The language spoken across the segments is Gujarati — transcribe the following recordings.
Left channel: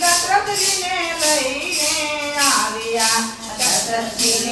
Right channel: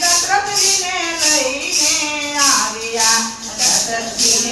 દશરથજીને લઈને આવ્યા. દશરથજીને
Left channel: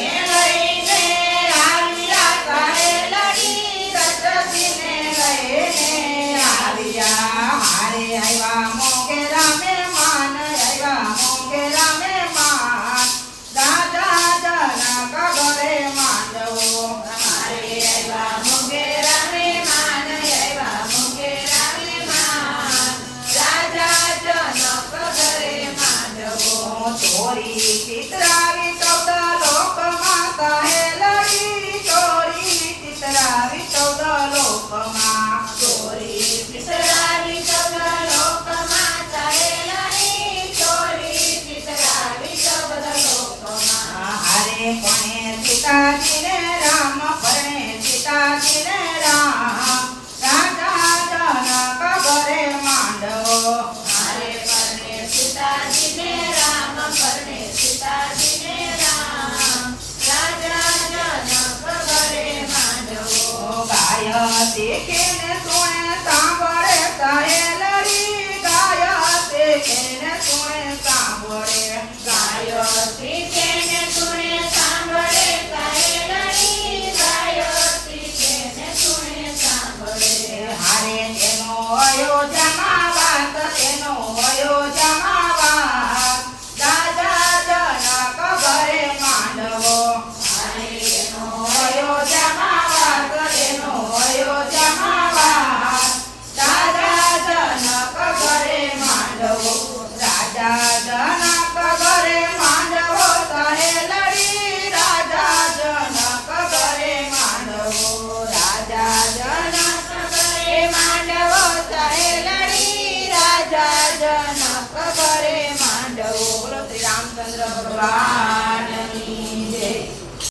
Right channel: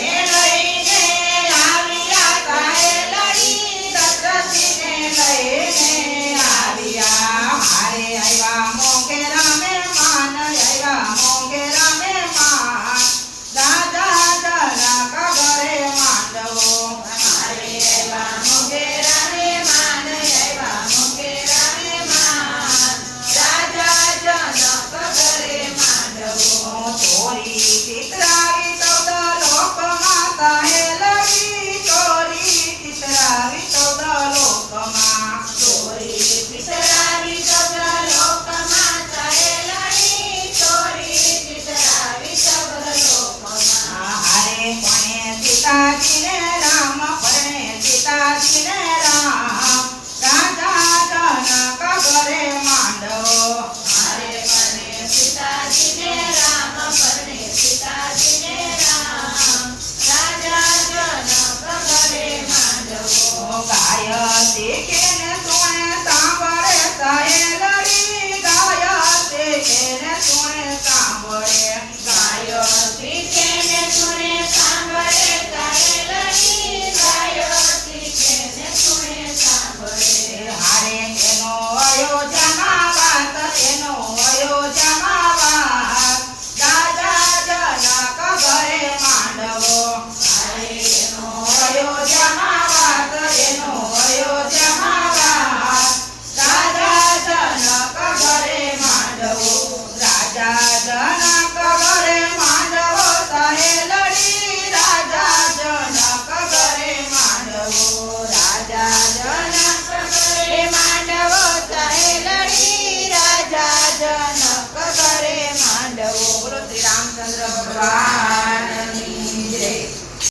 alive.